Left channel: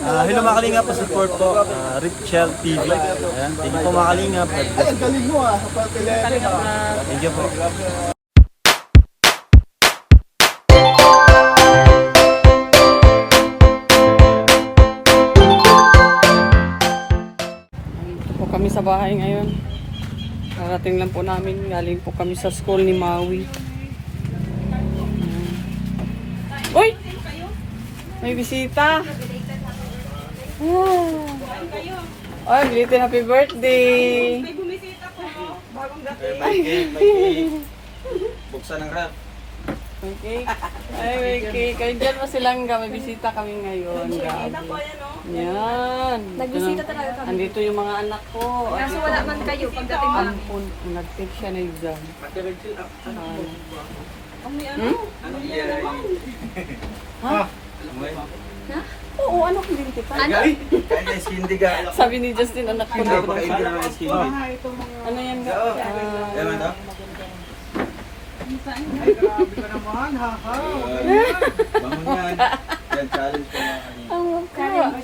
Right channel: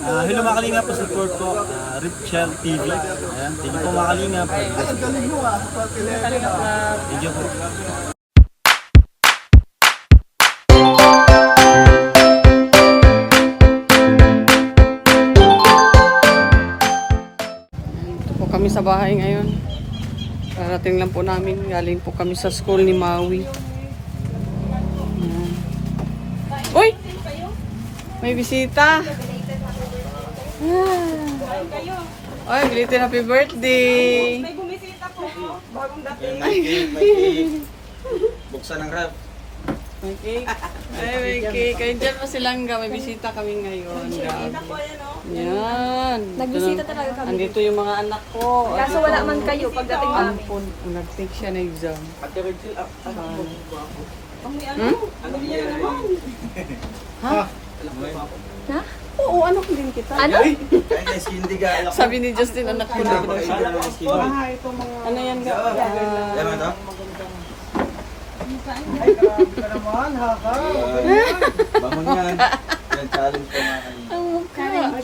Hello mga kalingap, support po Richel TV. Ayan, thank you po mga kalingap. Thank you po. Ito po kami sa bahay ngayon. Karating lang po namin. Galing po kami sa school ni Maui. Ayan. Uy! May bisita! Ay, belated happy birthday! Ay, Buksan ng rap. may cake. Ay, may cake. Kayo dyan pa silang may bisita kami ngayon. Yan. Nagbisita talaga kami. Andito yung mga anak ko. At Kaso ito, wala man kayo pagdating na. ampun. Nag-take siya na exam. Sana. Ha? Oo, anak din kita. Ano? Sabi ni Justin, anak ko daw siya. Ano yan ga? Bangon yan. Yan, challenge ko mga kalingap.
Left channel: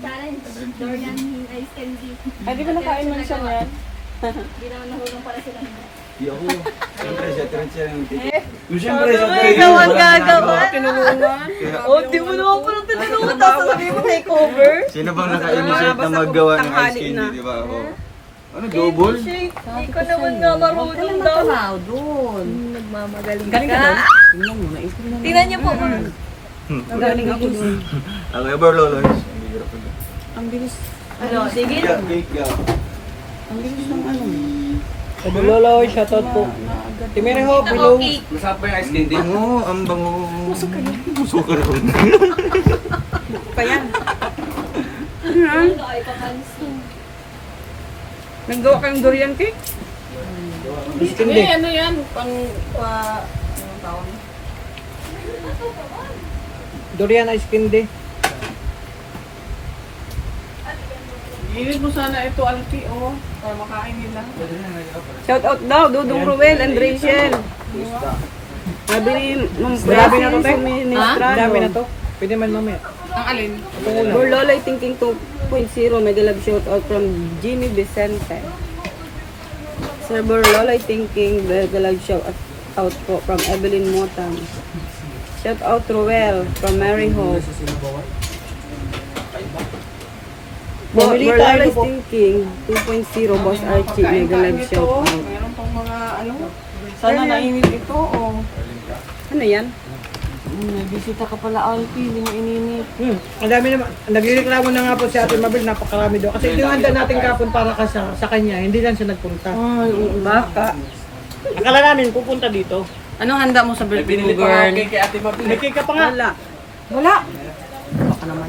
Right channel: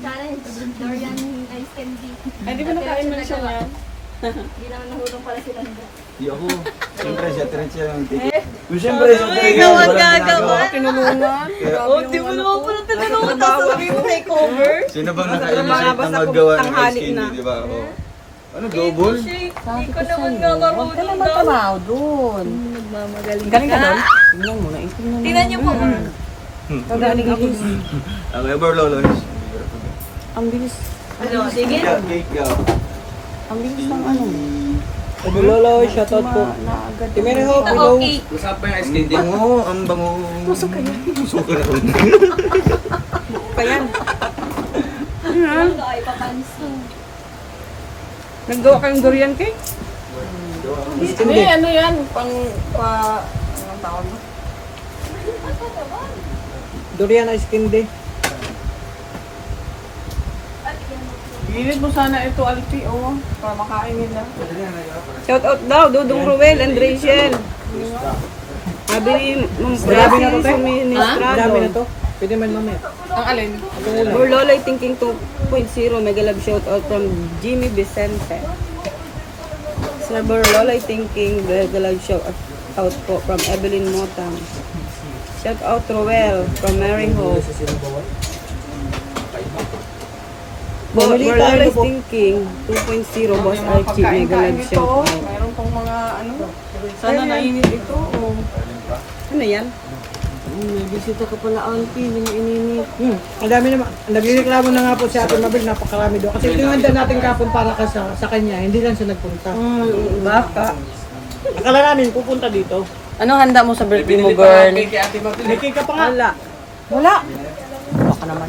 Challenge. Dorian Ice Candy. Ay, di ba nakain mo na siya yan? Hindi naman nahulong pala sila. Yoko. Siyempre, siya trend siya yung ticket. Siyempre, siya trend Ikaw siya. ang gagawa. Tinulungan. Di mo naman pala tinanong tapos sabi mo may cover. Sino bang naka-initiate na maggawa ng ice candy, di ba? Oh. Ano, double? Ikaw naman nga marunong daw. Matanaw doon. Nagmamagaling Galing ka ka. doon? Tingnan mo na. Tingnan niyo po. Magaling ako doon. Ang ever lolones. Ang bilis. Ano, sige. Ang bilis ng ano. Sabi Lolo, shoutout po. Timene ho, below. Masarap ba yung ice candy? Oo, ang bango. Suka na ko. Pa yan. Ano? Naggawa kayong durian cake? Hindi. Ano yan? Pang... Anong tawag? Durian ice candy. Init mo sana ito, Alpi, oh. Para makain nila. Shout out daw, Dudong Ruel and Rachel. Sabi ni Ma'am Presi, Marami na to, suministrado. Dami na to. Pwede man mamaya. Ang alin? Burloloy Thinking 2.0, mega love shout out from Jimmy Vicente. Sir Burloloy Thinking, mega love shout out po from Evelyn Motam. Shout out Ruel from Mary Hope. Burloloy Thinking 2.0, Boss Archie, mega love shout out. Meron pang mga ano, sana nainit ito, oh. Ano yan? May bisita ka pala, Alpi, hindi na ininit. Ang dami naman. Nagreklamo na nga po si Ate Mabel, napakarami doon. Kasi tinanda natin kapon para ka sa kanya, hindi lang siya nagpunta. Ay, baka. Akala namin pupunta dito. Ano handa mo sa birthday mo, girl? May cake ka pa nga. Wala. Wala. Baka naman.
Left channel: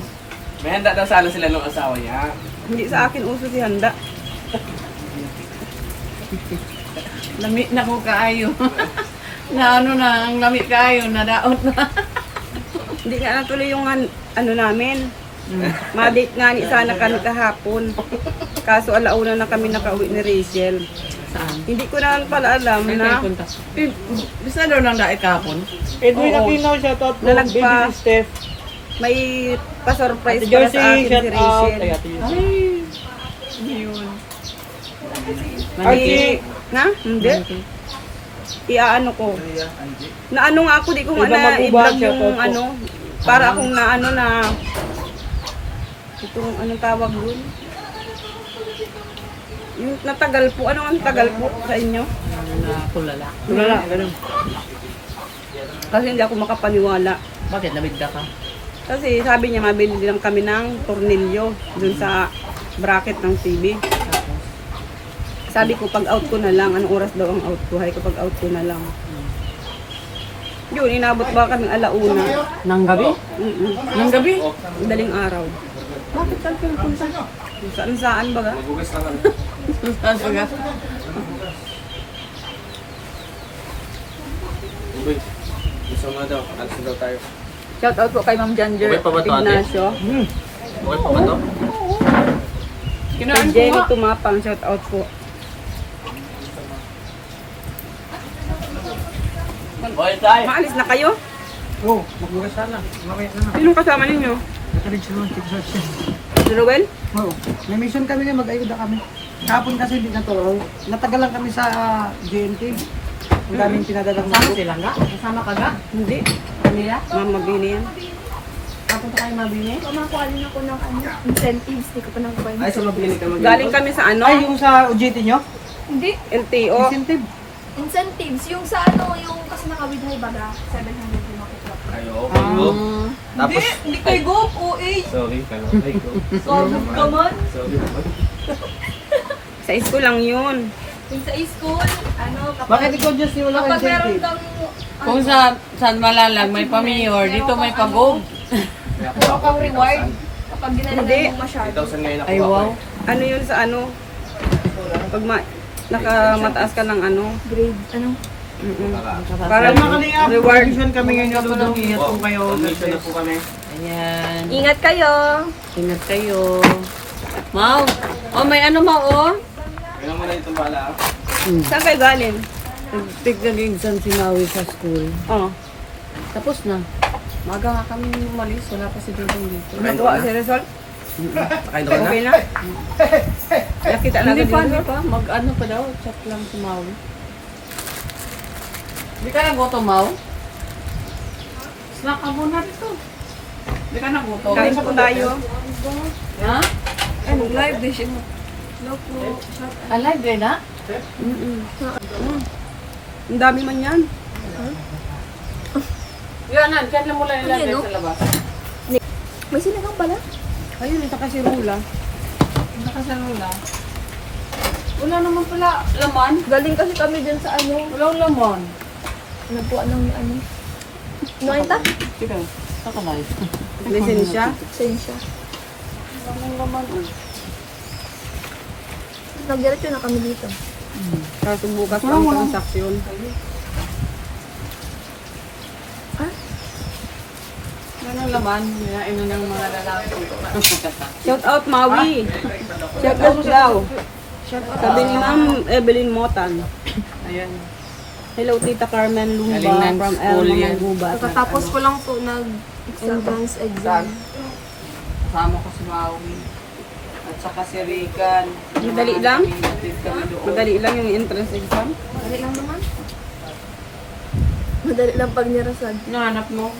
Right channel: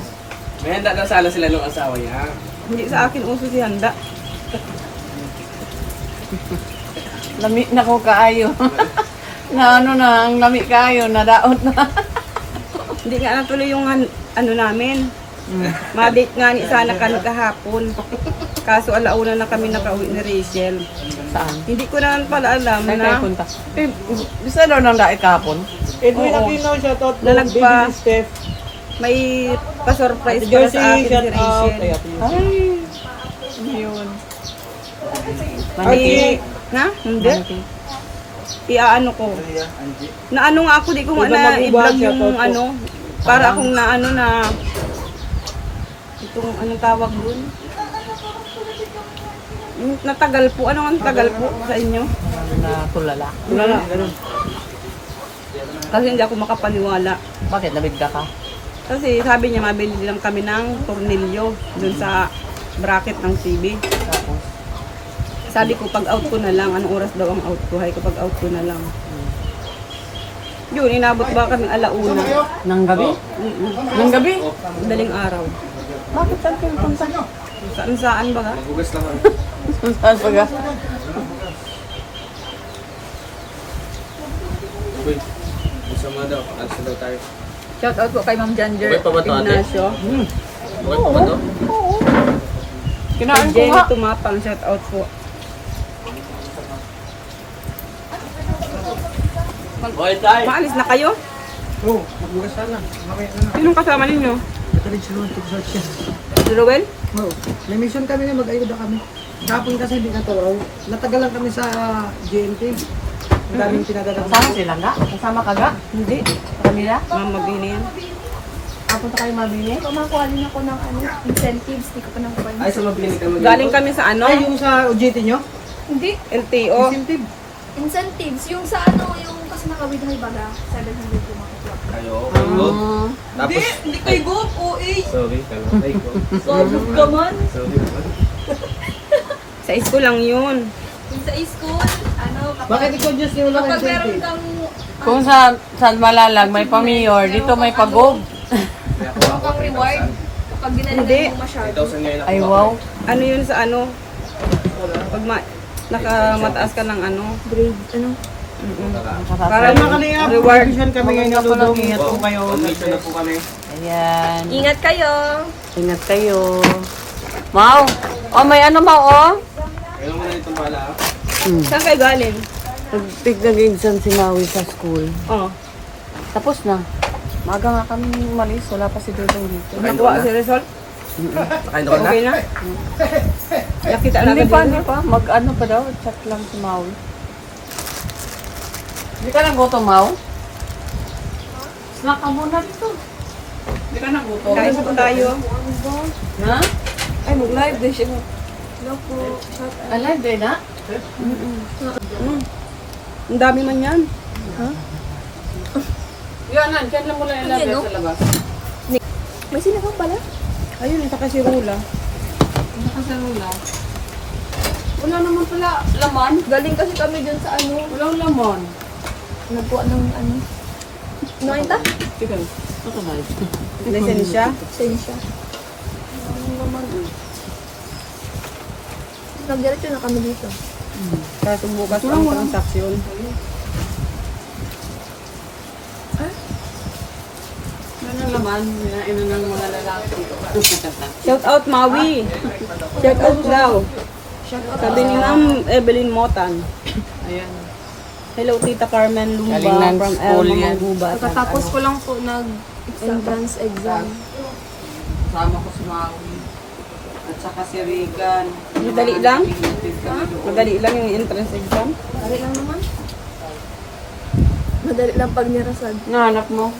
May handa daw sana sila ng asawa niya. Hindi sa akin uso si handa. Lamit na ko kaayo. Na ano na, ang lamit kaayo, nadaot na. Hindi nga natuloy yung ano namin. Ma-date nga ni sana kami kahapon. Kaso alauna na kami nakauwi ni Rachel. Saan? Hindi ko naman pala alam na. Bisa daw nang dait kahapon? Edwin Oo. Aquino, shoutout po. Na nagpa- Baby Steph. May pa-surprise Ate para Joyce, sa akin si shoutout. Rachel. Ay, Ate Joyce. Ay, ano yun? Ate- Na? Hindi. Iaano ko. Na ano nga ako, di ko nga na i-vlog yung ano. Para akong na ano na itong anong tawag dun. Yung natagal po. Ano ang tagal po sa inyo? Kulala. Ganun. Kasi hindi ako makapaniwala. Bakit? Nabigda ka? Kasi sabi niya mabili lang kami ng tornilyo dun sa bracket ng TV. Sabi ko pag out ko na lang, anong oras daw ang out ko? Hay kapag out ko na lang. Yun, inabot ba kaming alauna? Nang gabi? Nang gabi? Daling araw. Bakit saan kayo punta? Saan ba ga? Bugas lang ang... Saan ba ga? Uy, isa mo daw. Alis na daw tayo. Shout out po kay Ma'am Janger Okay pa ba ito, ate? Ignacio. Okay pa ba to? Kay Jenny Tumapang, shout out po. Okay tayo. Maalis na kayo? Oo, magbugas sana. Mamaya naman. Sinong kasama ninyo? Nakalit siya ng TikTok siya. Si Ruel? Oo. May mission kami na mag-ayuda kami. Kahapon kasi hindi natuloy. Matagal lang kami sa GNT. Ang daming pinadala ko. Kasama sila nga? Kasama ka nga? Hindi. Kanila? Mama Bini yan. Ako sa kayo mabini? Kumakuha din ako ng incentives. Hindi ko pa nakuha yung Ay, sa mabili ka mag- Galing kami sa ano? Ay, yung sa OJT nyo? Hindi. LTO. Incentive. Incentives. Yung sa ano, yung kasi naka-withdraw baga, 700 yung makukuha. Ay, okay, go. Tapos, Hindi kay Go, OA. sorry, kala. Ay, go. Sabog ka man. Sorry naman. Sa school lang yun. Yung sa school, ano, Bakit ikaw just yung walang kapag meron incentive? kang, Kung sa San Malalag may pamayor, dito may pagog. May ako meron kang reward, kapag Hindi. dinalagan mo masyado. 3,000 ngayon ako. Ay, wow. Ano yun sa ano? Pag nakamataas ka ng ano? Grade, ano? Para reward. Mission kami ngayon ng Ludong. Ingat po kayo. Mission na po kami. Ayan. Ingat kayo! Ingat kayo. Mau. Oh, may ano Mau, oh? Kailan mo na itong bala? Saan kayo galing? Nag-exam si Maui sa school. Oh. Tapos na. Maga nga kami umalis. Wala pa si Dudong dito. Nakuha si result? Nakain ako na? Okay na? Nakita na Hindi agad pa, yun? hindi pa. Mag-ano pa daw. Check lang si Maui. Hindi ka nagutom, Mau? Snack ka muna dito. Hindi ka nagutom. Kain po tayo. Ha? Ano, live din siya. Hello po. Shout out. Alive din, ha? Ang dami man yan. Yan, dyan lang mula Ano yun, nilagay no? sa labas. May sinagang pala? Ayun, ito kasi rula. Ano ka sa lula? Wala naman pala laman. Galing kasi kami dyan sa ano, Walang laman. nagkuha ng ano. Nakita? Ito. Ako malis. Lisensya. Sensya. Walang laman. Nagdiretso na kami dito. Tapos bukas pa ang transaksyon. Walang laman. Hinain na ng mga lalaki. Shout out Maui. Shout out daw. Sabi ni Ma'am Evelyn Motan. Ayan. Hello Tita Carmen Lumba Galing ng from school Elma yan. Manggubat. Kakatapos ko lang po nag-entrance exam. Kasama ko si Maui. At saka si Regan. Madali lang? Pinatid kami doon. Madali lang yung entrance exam. Madali lang naman. Madali lang pag nirasad. Nahanap mo?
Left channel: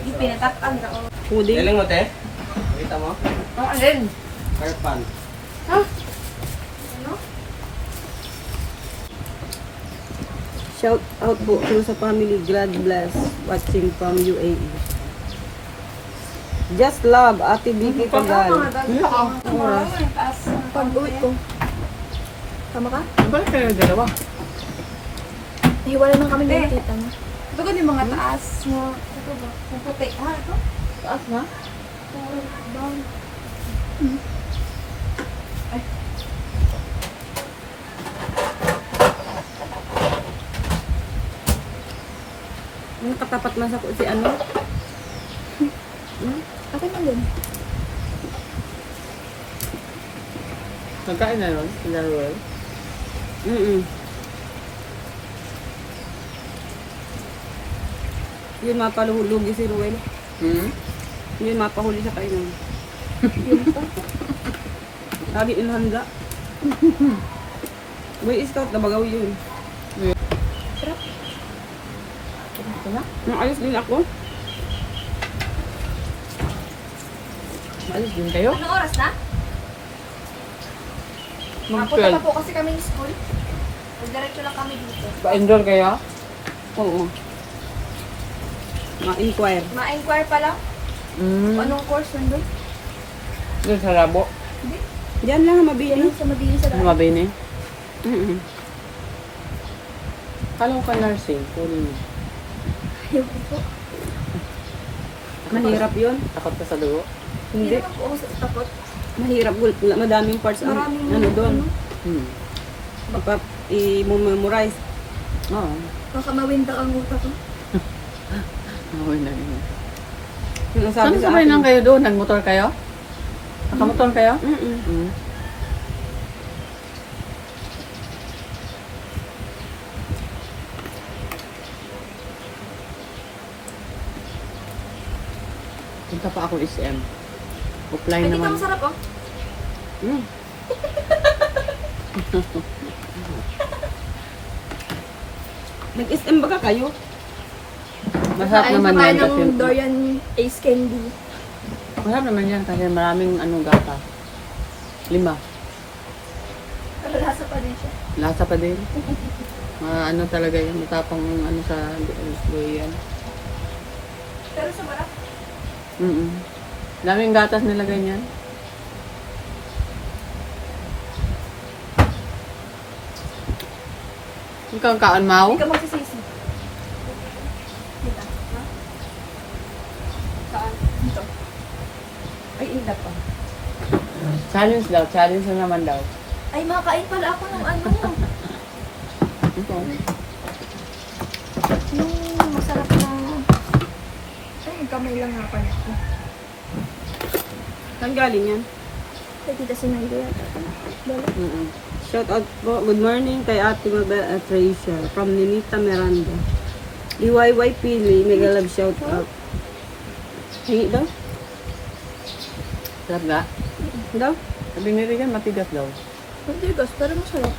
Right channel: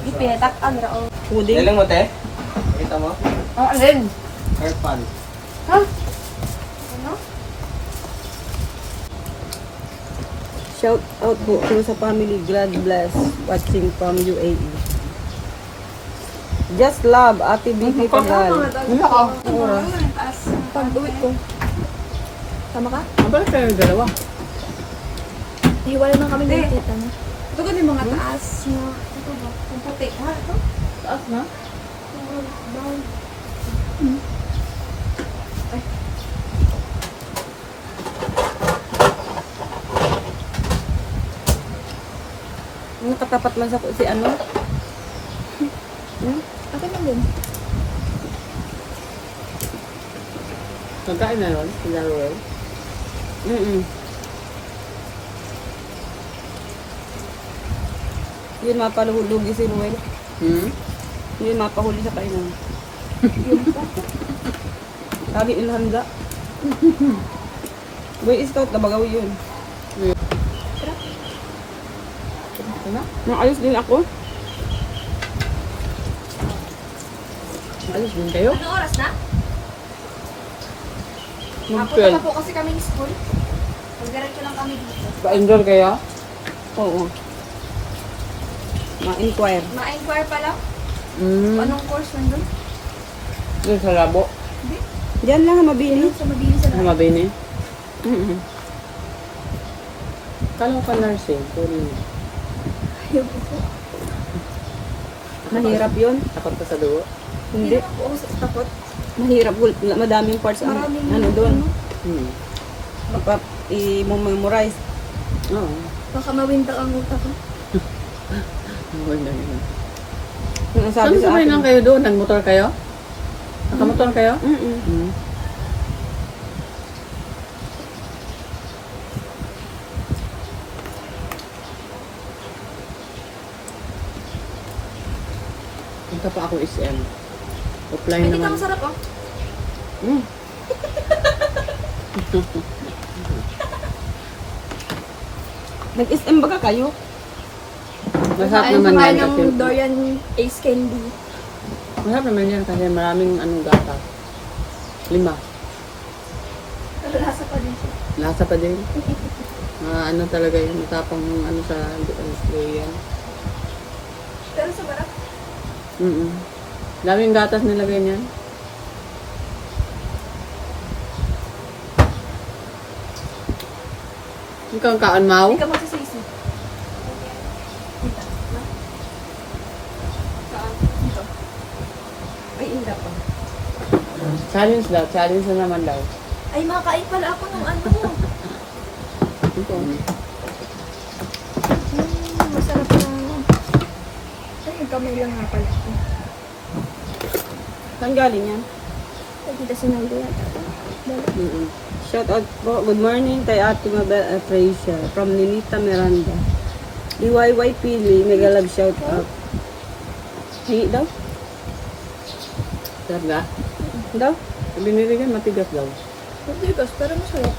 Di pinatak-an ra. Puding. Kailan mo, te? Kita mo? Oh, alin? Airpan. Shout out po to sa family. God bless. Watching from UAE. Just love Ate Vicky Pagal. Pag uwi ko. Tama ka? Ang balik kayo yung dalawa. Hiwalay man kami ng tita na. Ito ko yung mga taas mo. Ito ba? Ang puti. Ha? Ito? Taas na? Down. Nakatapat lang sa si ano. Okay lang yun. Nagkain na yun? Sila Roy? Yun mapaluhulugi si Ruel. Hmm? Yun mapahuli sa kainan. Yung pa. Sabi ilhanda. Boy scout na bagaw yun. Nang ayos din ako. Ayos din kayo? Ano oras na? Napunta Mag-12. pa po kasi kami ng school. Nagdiretso lang kami dito. Ba-indoor kayo? Oo. Ma-inquire. Ma-inquire pala. Anong course nandun? Doon sa labo? Diyan lang mabini. Sa mabili sa lahat. Mabini? Mm-mm. Kala ko ka nursing. Sorry mo. Yung po. Mahirap yun. Takot ka sa dugo? Hindi Hindi. naman po ako takot. Mahirap. Madaming parts ang Maraming ano doon. Hmm. I-memorize. Oo. Baka mawinda ang utak ko. Okay na yun. Yung sabi Ano sa sabay akin. lang kayo doon? Nagmotor kayo? Nakamotor kayo? Mm-mm. Hmm. Punta pa ako SM. Offline Ay, dito naman. masarap oh. Mm. Nag-SM ba kayo? Masarap Ay, naman kumain yan kasi. ng Dorian Ace Candy. Masarap naman yan kasi maraming gata. 5. Pero lasa pa din siya. Lasa pa din. Talaga yun. Matapang yung sa durian. Pero sa barap. Daming gatas nilagay niya. Ikaw ang kaan, Mau? Hindi ka magsisisi. Kita. No? Saan? Ito. Ay, inda pa. Challenge daw. Challenge na naman daw. Ay, makain pala ako ng ano. Ito. Masarap na. Ay, nagkamay lang nga pala ako. Saan galing yan? Ay, kita si Naida yata. Dala. Shout out po. Good morning kay Ate Mabel Atracia from Ninita Miranda. DYY Pili, mega love shout out. Hingi daw? Darga? Daw? Binili ka matigas daw. Matigas, pero masarap.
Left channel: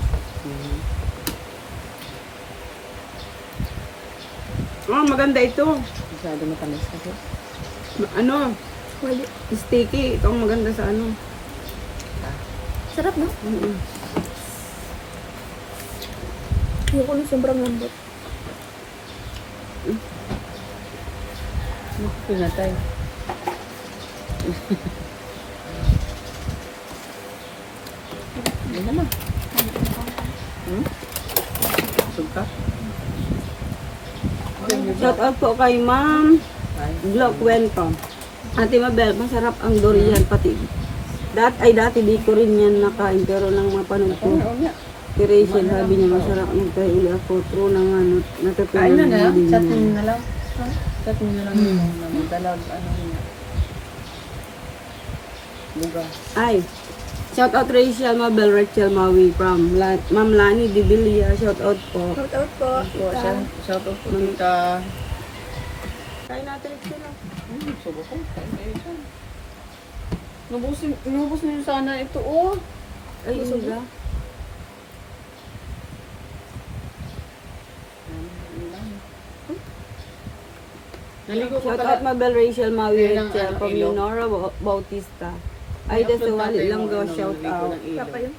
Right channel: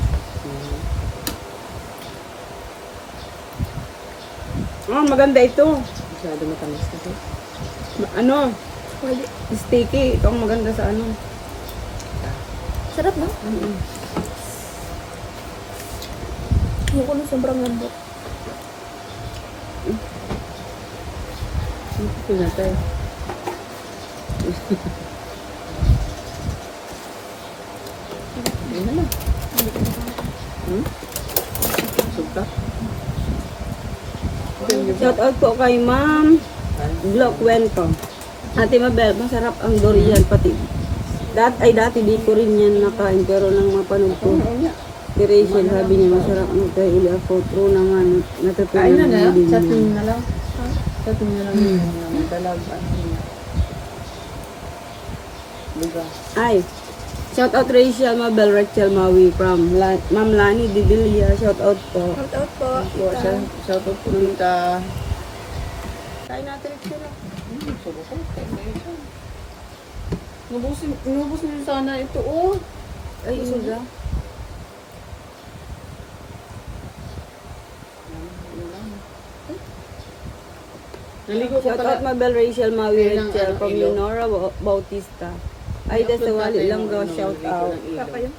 Maganda ito. Masyado matamis kasi. Wali. Sticky. Ito ang maganda sa Sarap, no? Ayoko nung sobrang lambot. Pinatay. Ano naman? Suka? Shout out po kay Ma'am Glo Kwento. Ate Mabel, masarap ang durian pati. Dati di ko rin yan nakain pero nang mapanood ko. Si Rachel, sabi niya masarap tayo uli ako. True naman, natutunan mo din niya. na lang. Chat mo na lang. Talag, Ay, shout out Rachel Mabel, Rachel Maui from Ma'am Lani Dibilia. Shout out po. Shout out po. Kita. Shout out po ka. Kain natin Rachel. Inubos na yun sana ito, oh. Ay, Inga. Shout out Mabel, Rachel Maui, Rachel from Leonora Bautista. Ay, sa wali lang gawa shout out. Kapa yun.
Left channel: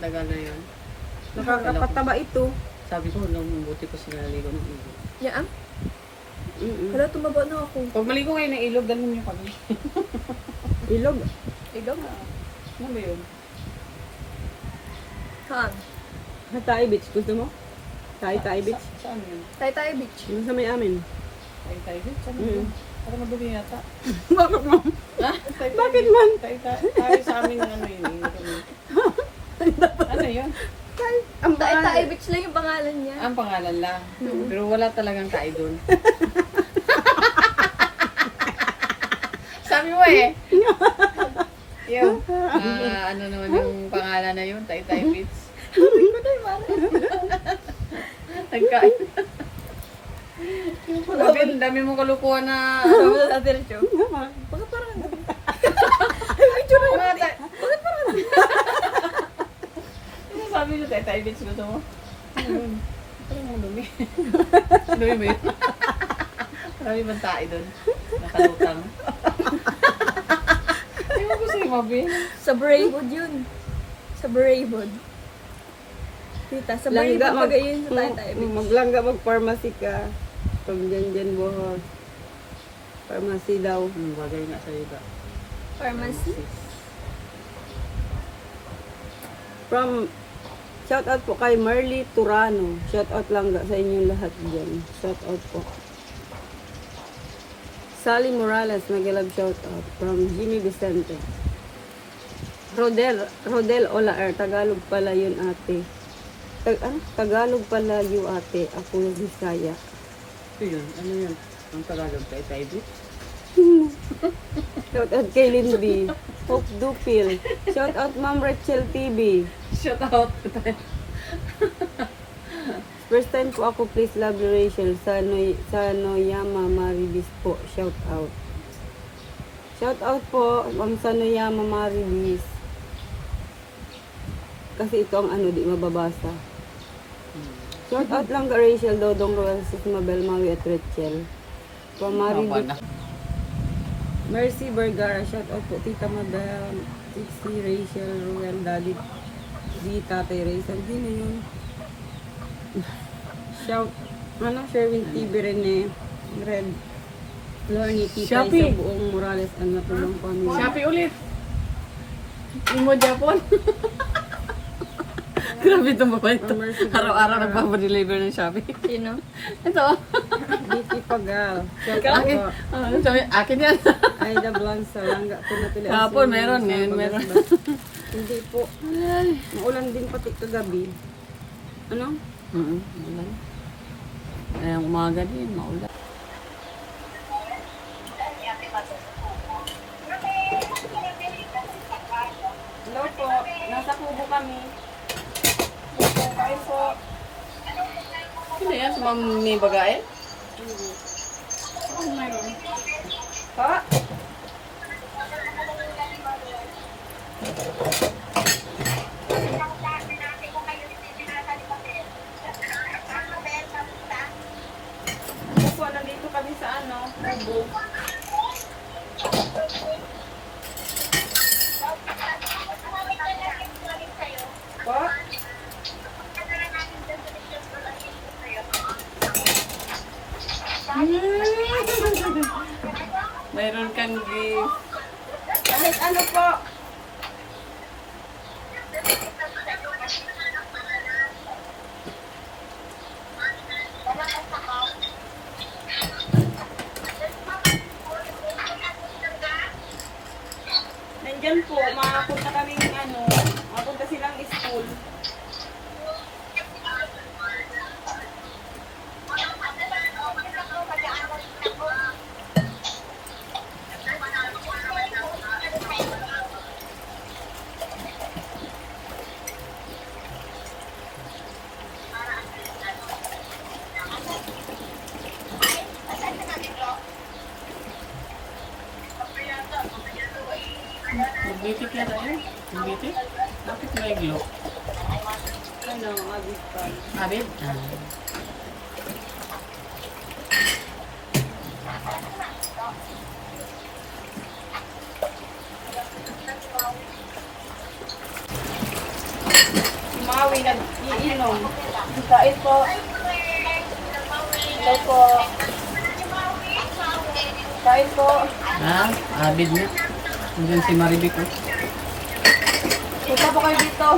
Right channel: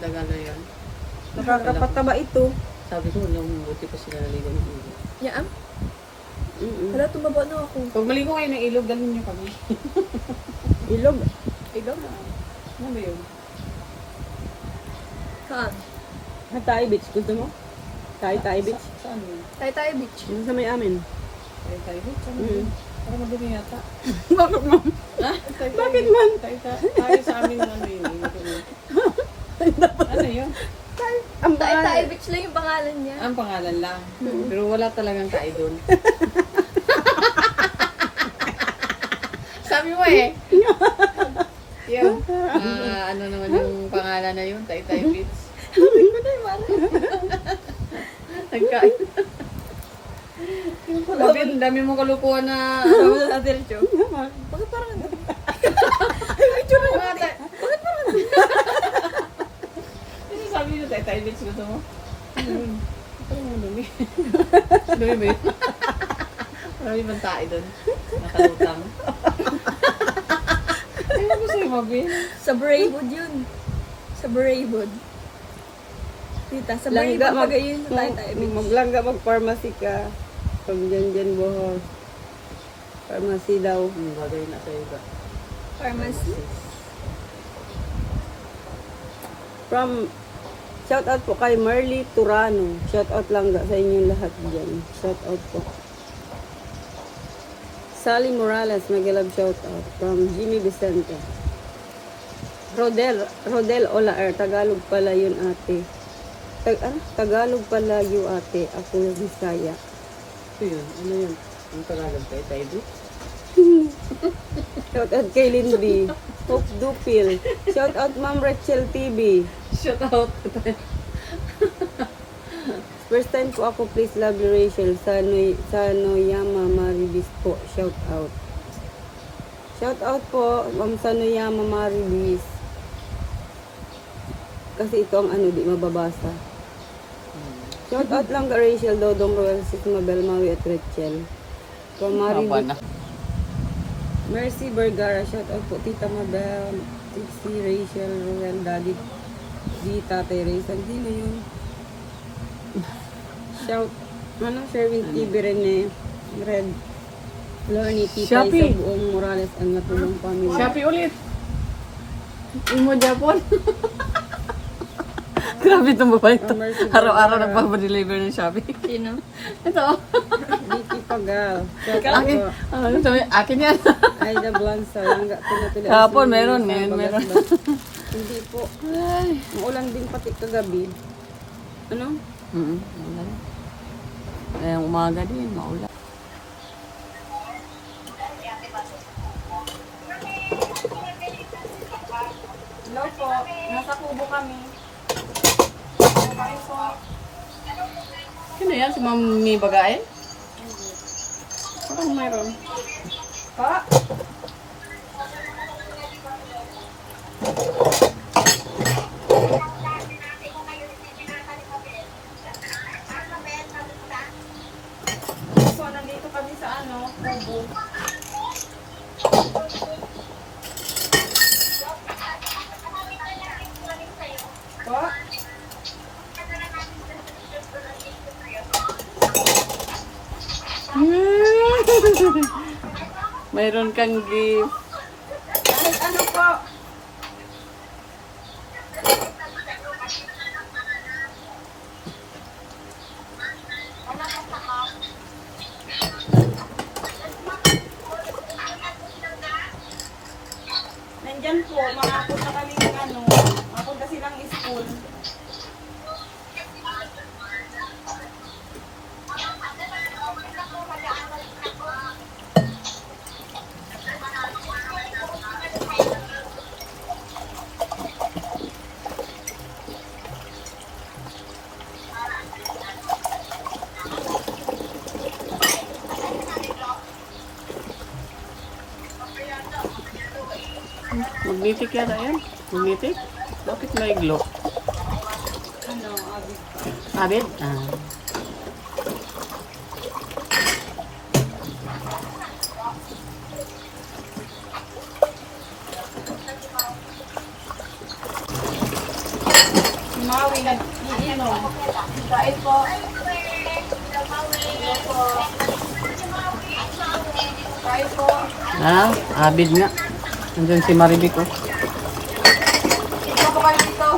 Dagalo yan. Nakakapataba ito. Sabi ko, nung buti pa sila naligo ng ilog. Yaam? Hala, tumaba na ako. Pag maligo kayo ng ilog, dalhin niyo kami. Ilog. Ilog? Ano ba yun? Saan? Hatay Beach. Gusto mo? Tay Beach. Saan yun? Tay Beach. Yung sa may amin. Tay-tay beach? Saan Mm. yun? Parang madumi yata. Bakit mo? Ha? Bakit man? Tayo sa amin ano yun. Ano yun? Ang Tay bahay. Beach lang yung pangalan niya. Ang pangalan lang. Pero wala talagang tayo doon. Sabi mo eh. Yun. Ano naman yung pangalan na yun? Tay-tay beach. Nagka... Dami mong kalukuhan na... Sabi na natin ito. Bakit parang ano? Ay, medyo na yun. Bakit parang ano? Ano sabi nyo, tay-tay beach gusto mo? Parang ang dumi. Dumi ba yun? Marami bang tayo doon? Nakalutang. Ano gusto yung mabin? Sa Braewood yun. Sa Braewood. Tita, sa Braewood Langga pag yun sa Tay Beach. Maglangga mag-pharmacy ka. From Janjan Bohol. Pharmacy daw. Gagawin na sa iba. Pharmacy. From shout out po kay Marley Turano. Shout out langga sa inyong lahat dyan. Shout out po. Sally Morales, mag-love shout out from Jimmy Vicente. Rodel Olaer, Tagalog pala yun ate. Tagalog pala yun ate. Ako yung Bisaya. Ito yun. Ano yun? Ang Tagalog tay-tay beach? Shout out kay Lindy. Hope Dupil. Shout out Ma'am Rachel TV. Shout out. First time po ako, please lovely Rachel. Sa Noyama Maridis po. Shout out. Shout out po, Ma'am Sanoyama Maribis. Kasi ito ang ano, di mababasa. Shout out lang ka Rachel, Dodong Royal, Sis Mabel, Maui at Rachel. From Maribis. Mercy Vergara, shout out po Tita Mabel, Tixi, Rachel, Royal, Daddy, di Tatay Raysan. Sino yun? Shout, Sherwin TV Rene, Red, Lorny, Tita, Shopee. sa buong Morales and Matulong Family. Shopee ulit. Imo Japon. Grabe itong babae ito. Oh, Mercy Araw-araw Vergara. nagpapadeliver ng Shopee. Sino? Ito. Vicky Pagal. Shout out Akin. po. Ano sabi? Akin yan. Aida Blanza, Langga, Tuloy-tuloy. Kahapon, Ang meron, Sino, ngayon, sa meron. Bagasbas. Hindi po. Maulan din pati kagabi. Ano? Maulan. Ngayong umaga din, maulan. Hello po. Nasa kubo kami. Bye po. Sino yan? Si Mami Bagain? Parang mayroon. Pa? Po, nandito kami sa ano, kubo. Pa? Mayroon kang gift. Kahit ano po. Nandyan po, makapunta kami ng ano, mapunta silang school. Magnetic yata yan. Magnetic? Bakit may glow? Ano, abis pa. Abit? Ah. Maui na iinom. Kahit po. Hello po. Kahit po. Ah, abid nga. Andyan si Maribic oh. Ito po kayo dito.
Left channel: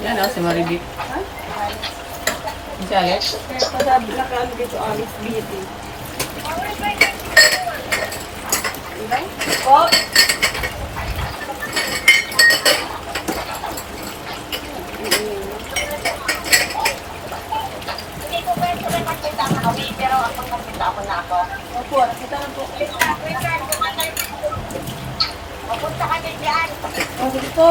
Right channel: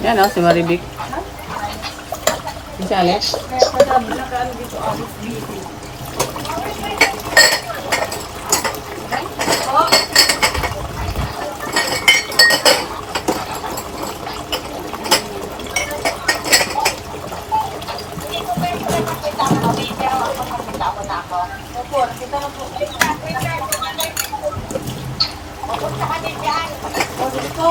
Yan oh, si Maribic. Si Alex? Kaya padabi na kami dito, Alice Beauty. Po. Opo, kita na po. O, sige po.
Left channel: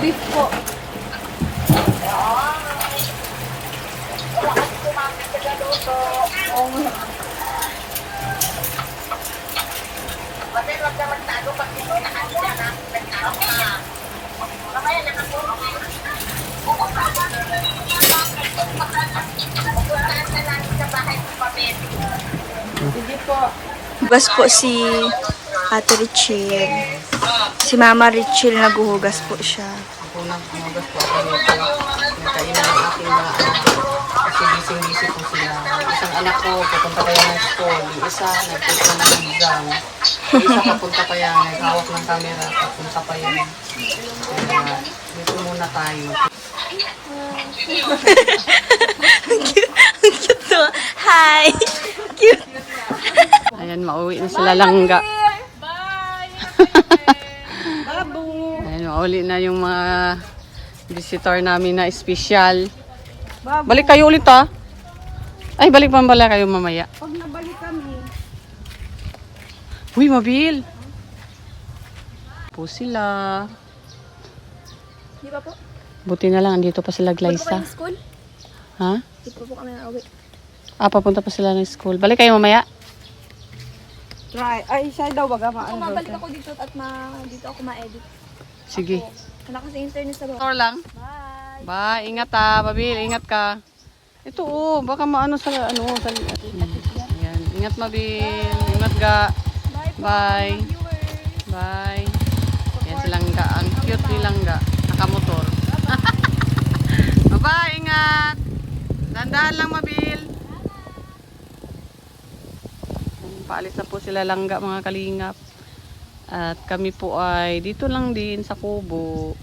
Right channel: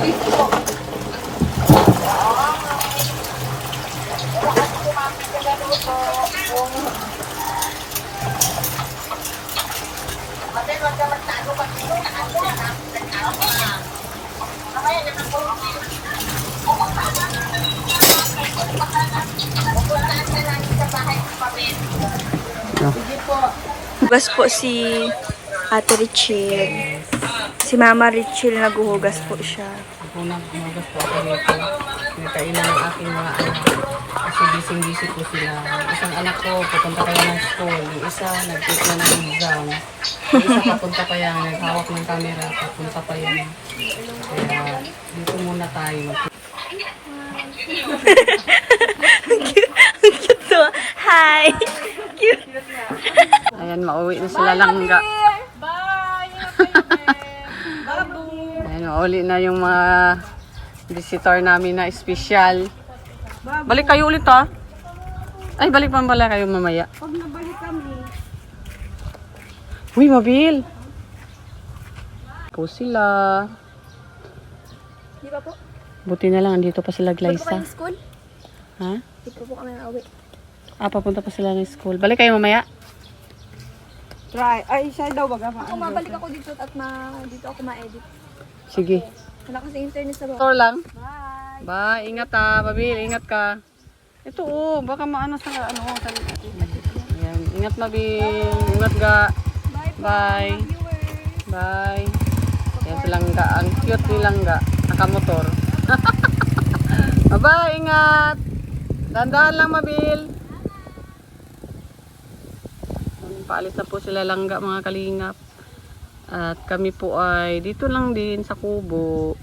Beef po. Hugas po si Ate Richel. Si Mama Richel naguhugas po siya. Ako na, umagas po ako dito. Nagkainan ng aking mga anak. Kasi busy-busy po sila. Isang anak ko, papunta kaya ng school. Yung isa, nagtitla ng exam. Yung isa, papunta pa yan. Naghawak ng camera. Papunta pa yan. Kaya, dito muna tayo. Hi! Cute! Ayan, mauwi na sila Langga. Ayan, mauli na yung mga visitor namin na espesyal. Balik kayo ulit ha. Ay, balik pa pala kayo mamaya. Pag nabalik kami, Uy, Mabil! Po sila. Di ba po? Buti na lang, andito pa sila, Ba't po Glyza. kayong school? Ha? Di po kami nauwi. Papunta pa sila ng school. Balik kayo mamaya. try. Ay, siya daw baga Kung mabalik ako dito at dito ako ma-edit. Sige. Wala kasi internet sa baba. Store lang. Bye! Bye. Ingat ha, Mabil. Ingat ka. Ito baka maano sa Ayan. Ingat, Mabil. Ingat ga. Bye po, Bye. mga viewers! Bye. Yan si Langga. Ang cute ni Langga. Nakamotor. Bye, ingat. Dandahan lang, Mabil. Paalis na po sila Langga, mga kalingap. At kami po ay dito lang din sa Kubo.